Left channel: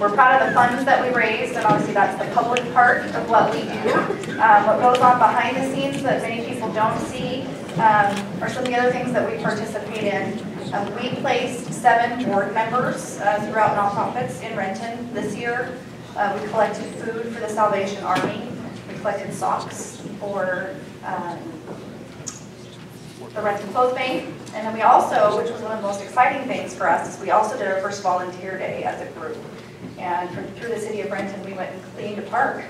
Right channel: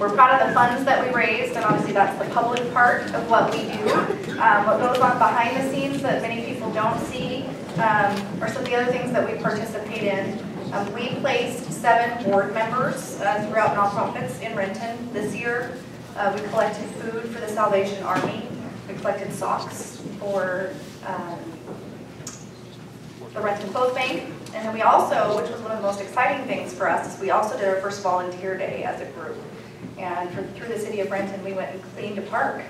we're proud of the funds that we raised, and obviously that's the public part of what we do. What goes on behind the scenes that many people don't see are some of the other things that we participate in. We placed 7 board members throughout nonprofits in Renton this year. We collected food for the Salvation Army. We collected socks for the Renton Clothes Bank. And then we also, which was one of the most exciting things for us, is we also did our first volunteer day as a group. And through the city of Renton, we went and cleaned a park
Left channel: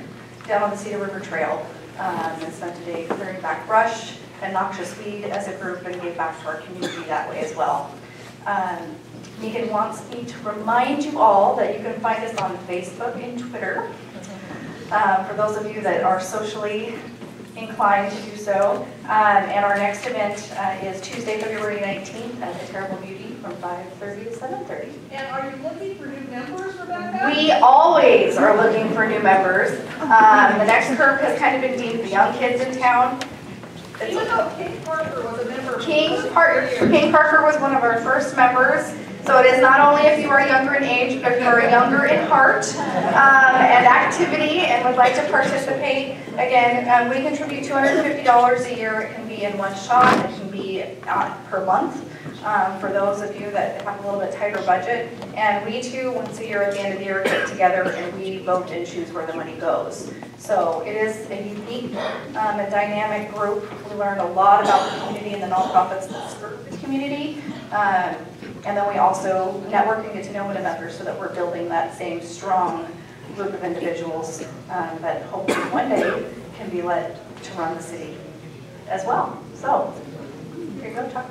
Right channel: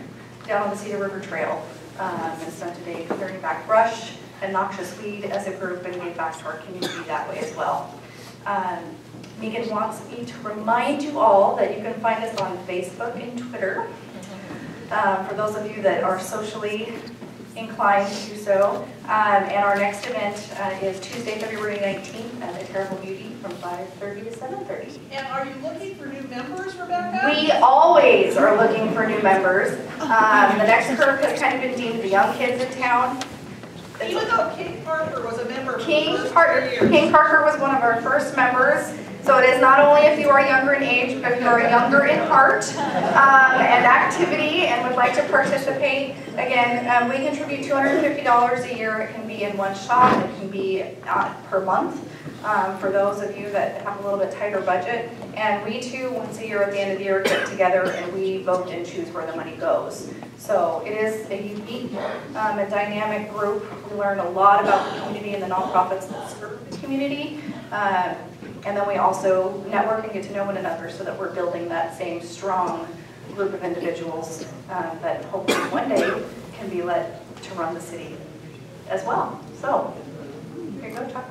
down on the Cedar River Trail. And spent a day clearing back brush and noxious weed as a group, and gave back to our community that way as well. Megan wants me to remind you all that you can find us on Facebook and Twitter. For those of you that are socially inclined to do so. And our next event is Tuesday, February 19th at the Terrible Beauty from 5:30 to 7:30. And are you looking for new members, Rebecca? We always are looking for new members. The next group has kind of been deemed the young kids in town. Even though King Parker was a member. King Parker was one of our first members. So it is not only if you are younger in age, but if you are younger in heart and activity and would like to participate. Again, we contribute $250 a year. It can be in one shot. It can be per month for those of you that have a little bit tighter budget. And we too, once a year at the end of the year, get together and we vote and choose where the money goes. So it is a unique and dynamic group. We learn a lot about the community and the nonprofits that serve the community. And then we also network and get to know one another so that we're building that same strong group of individuals that hopefully one day can be led to run the city as well. So, here you go, Chuck.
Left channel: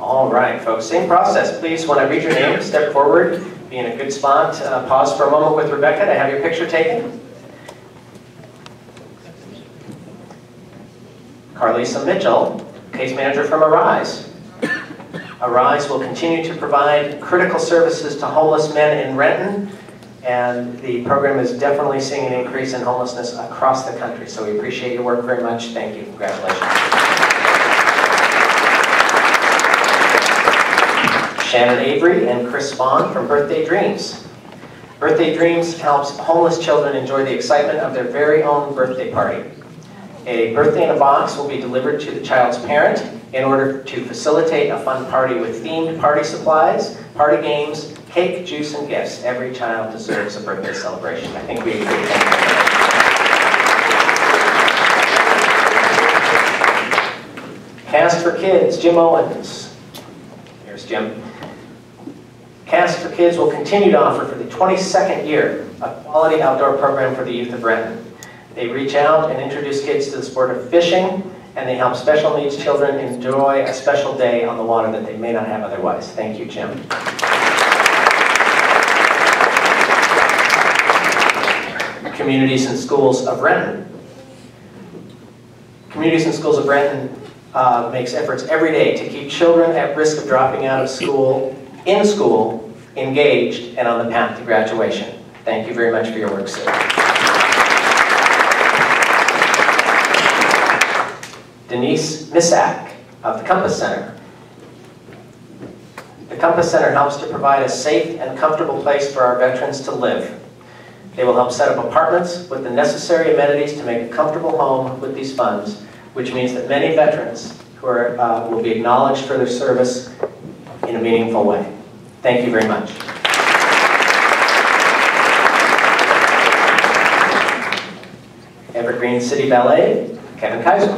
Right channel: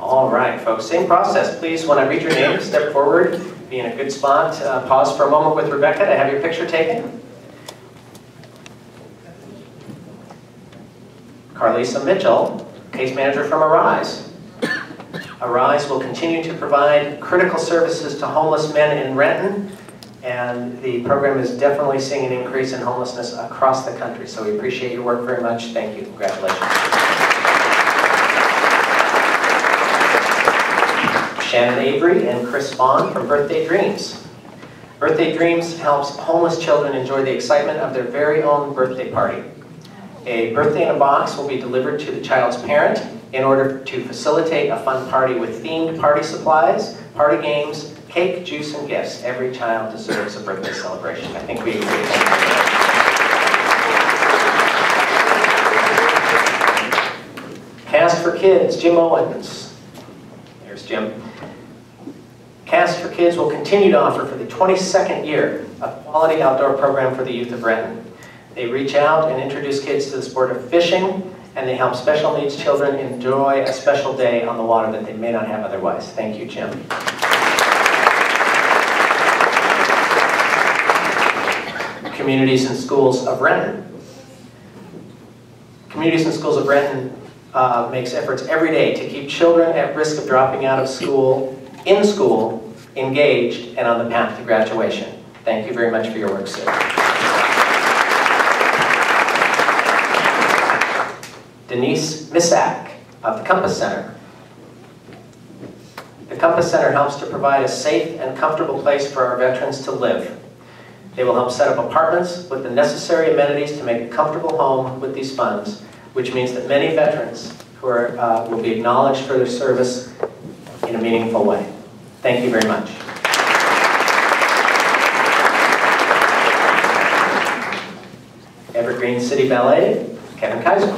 All right, folks, same process. Please, when I read your name, step forward, be in a good spot. Pause for a moment with Rebecca to have your picture taken. Carlisa Mitchell, case manager from Arise. Arise will continue to provide critical services to homeless men in Renton, and the program is definitely seeing an increase in homelessness across the country. So we appreciate your work very much. Thank you. Congratulations. Shannon Avery and Chris Spahn from Birthday Dreams. Birthday Dreams helps homeless children enjoy the excitement of their very own birthday party. A birthday in a box will be delivered to the child's parent in order to facilitate a fun party with themed party supplies, party games, cake, juice, and gifts. Every child deserves a birthday celebration. I think we agree. Cast for Kids, Jim Owens. Here's Jim. Cast for Kids will continue to offer for the 22nd year a quality outdoor program for the youth of Renton. They reach out and introduce kids to the sport of fishing, and they help special needs children enjoy a special day on the water that they may not have otherwise. Thank you, Jim. Communities and Schools of Renton. Communities and Schools of Renton makes efforts every day to keep children at risk of dropping out of school, in school, engaged, and on the path to graduation. Thank you very much for your work, sir. Denise Misak of the Compass Center. The Compass Center helps to provide a safe and comfortable place for our veterans to live. They will help set up apartments with the necessary amenities to make a comfortable home with these funds, which means that many veterans who are, will be acknowledged for their service in a meaningful way. Thank you very much. Evergreen City Ballet, Kevin Kaiser.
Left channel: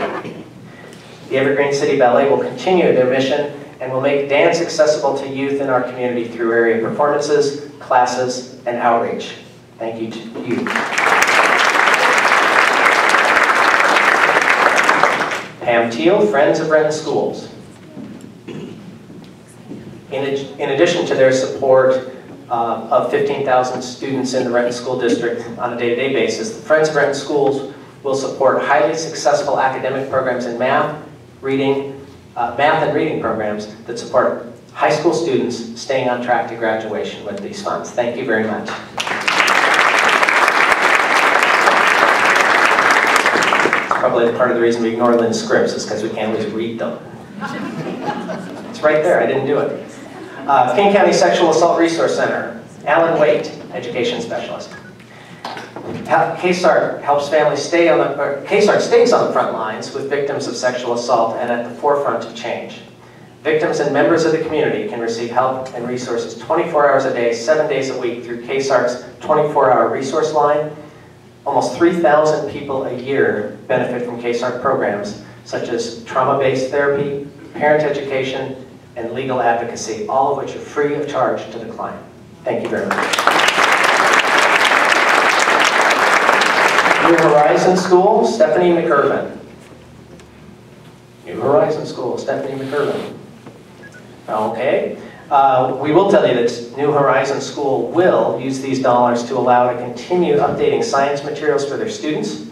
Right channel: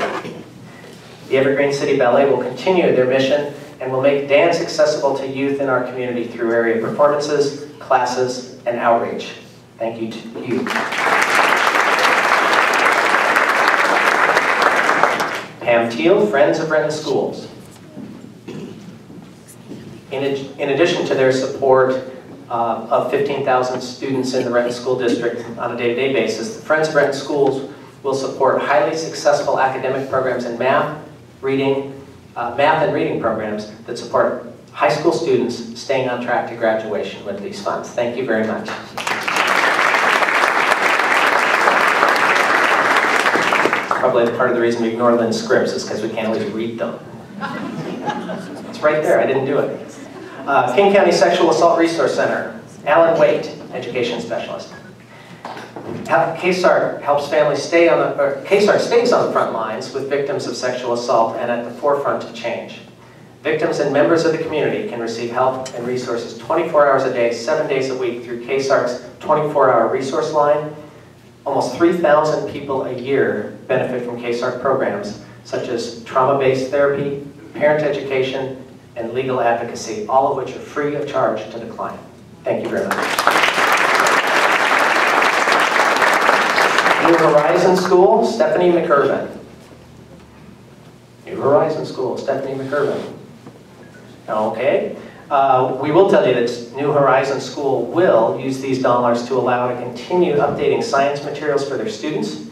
The Evergreen City Ballet will continue their mission and will make dance accessible to youth in our community through area performances, classes, and outreach. Thank you to you. Pam Teal, Friends of Renton Schools. In addition to their support of 15,000 students in the Renton School District on a day-to-day basis, the Friends of Renton Schools will support highly successful academic programs in math and reading programs that support high school students staying on track to graduation with these funds. Thank you very much. Probably part of the reason we ignore Lynn's scripts is because we can't always read them. It's right there, I didn't do it. King County Sexual Assault Resource Center, Alan Waite, Education Specialist. KSART helps families stay on the, KSART stays on the front lines with victims of sexual assault and at the forefront of change. Victims and members of the community can receive help and resources 24 hours a day, 7 days a week through KSART's 24-hour resource line. Almost 3,000 people a year benefit from KSART programs such as trauma-based therapy, parent education, and legal advocacy, all of which are free of charge to the client. Thank you very much. New Horizon School, Stephanie McIrvin. New Horizon School, Stephanie McIrvin. Okay. We will tell you that New Horizon School will use these dollars to allow to continue updating science materials for their students,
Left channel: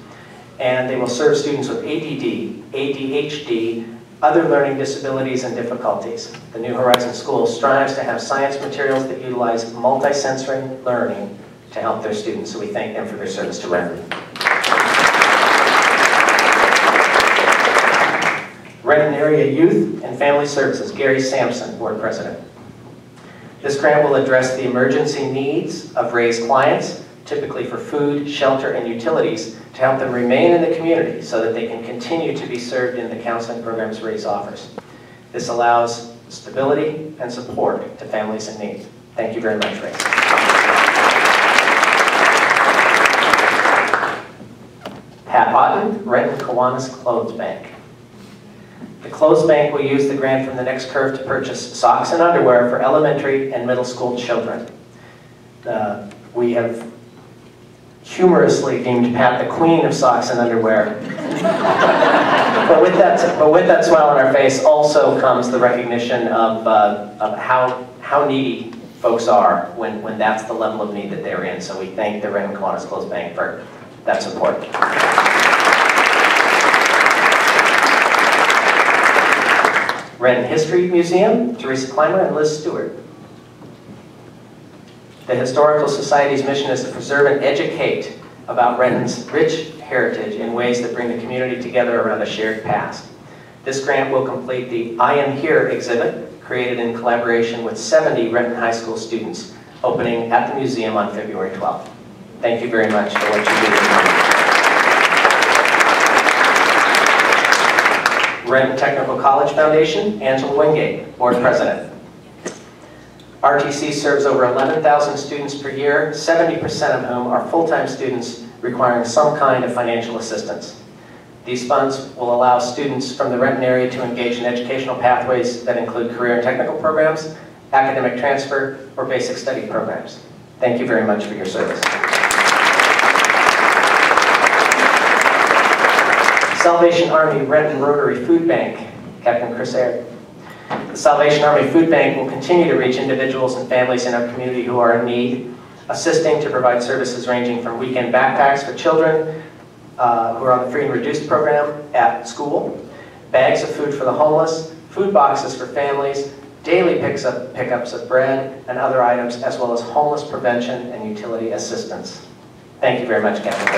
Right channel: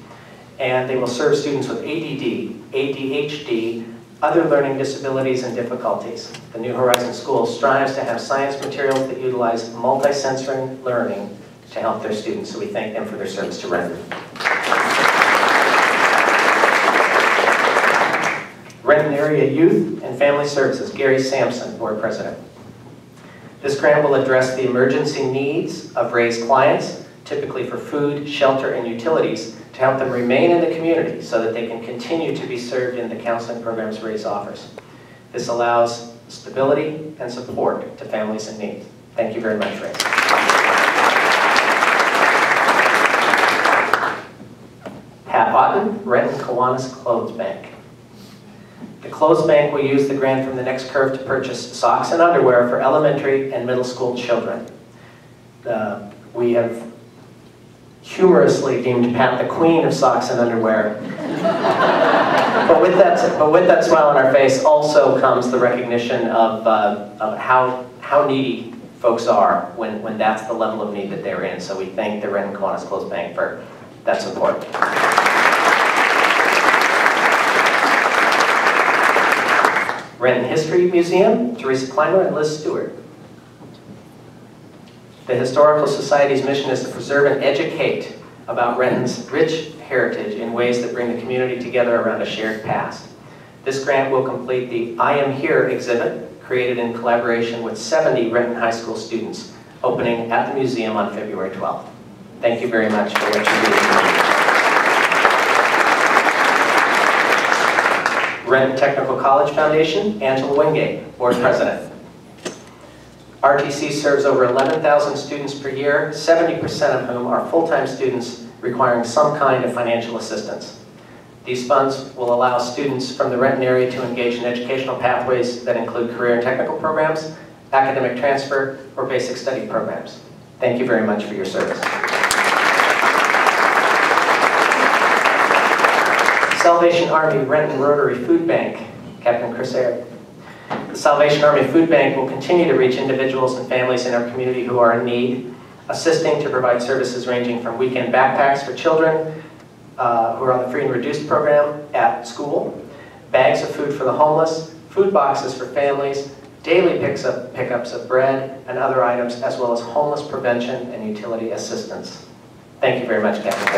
and they will serve students with ADD, ADHD, other learning disabilities and difficulties. The New Horizon School strives to have science materials that utilize multi-sensory learning to help their students, so we thank them for their service to Renton. Renton Area Youth and Family Services, Gary Sampson, Board President. This grant will address the emergency needs of Ray's clients, typically for food, shelter, and utilities, to help them remain in the community so that they can continue to be served in the counseling programs Ray's offers. This allows stability and support to families in need. Thank you very much, Ray. Pat Otten, Renton Kiwanis Clothes Bank. The Clothes Bank will use the grant from the Next Curve to purchase socks and underwear for elementary and middle school children. We have humorously deemed Pat the queen of socks and underwear. but with that smile on our face also comes the recognition of how needy folks are when that's the level of need that they're in. So we thank the Renton Kiwanis Clothes Bank for that support. Renton History Museum, Teresa Clymer and Liz Stewart. The Historical Society's mission is to preserve and educate about Renton's rich heritage in ways that bring the community together around a shared past. This grant will complete the I Am Here exhibit, created in collaboration with 70 Renton High School students, opening at the museum on February 12th. Thank you very much for what you do. Renton Technical College Foundation, Angela Wingate, Board President. RTC serves over 11,000 students per year, 70% of whom are full-time students requiring some kind of financial assistance. These funds will allow students from the Renton area to engage in educational pathways that include career and technical programs, academic transfer, or basic study programs. Thank you very much for your service. Salvation Army Renton Rotary Food Bank, Captain Chris Aird. The Salvation Army Food Bank will continue to reach individuals and families in our community who are in need, assisting to provide services ranging from weekend backpacks for children who are on the free and reduced program at school, bags of food for the homeless, food boxes for families, daily pickups of bread and other items, as well as homeless prevention and utility assistance. Thank you very much, Captain.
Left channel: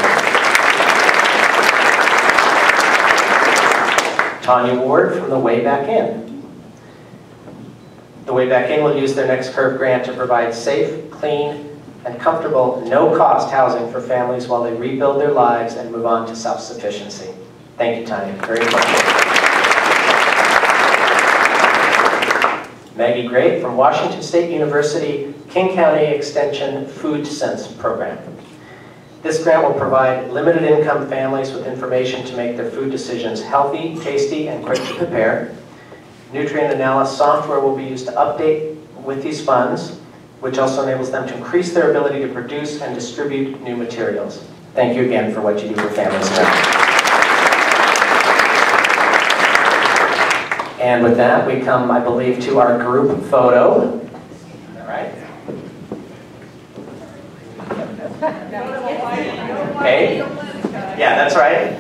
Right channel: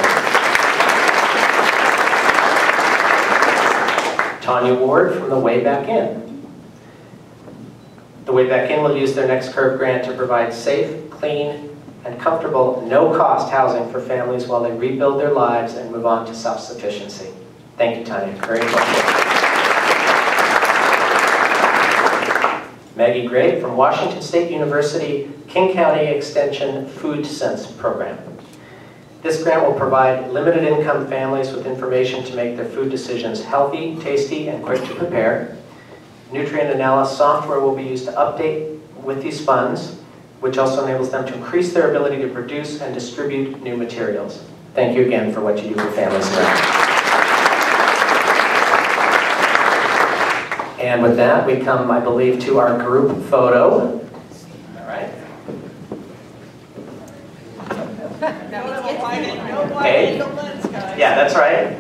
Tanya Ward from the Way Back In. The Way Back In will use their Next Curve grant to provide safe, clean, and comfortable, no-cost housing for families while they rebuild their lives and move on to self-sufficiency. Thank you, Tanya. Very important. Maggie Gray from Washington State University King County Extension Food Sense Program. This grant will provide limited income families with information to make their food decisions healthy, tasty, and quick to prepare. Nutrient analysis software will be used to update with these funds, which also enables them to increase their ability to produce and distribute new materials. Thank you again for what you do for families. And with that, we come, I believe, to our group photo. All right. Okay. Yeah, that's right.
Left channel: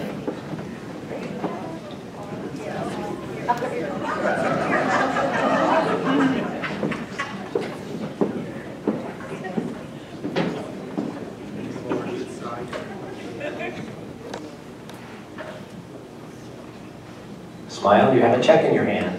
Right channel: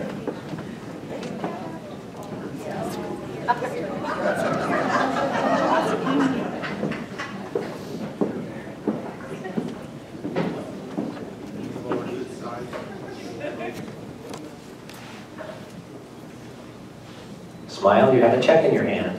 Smile, you have a check in your hand.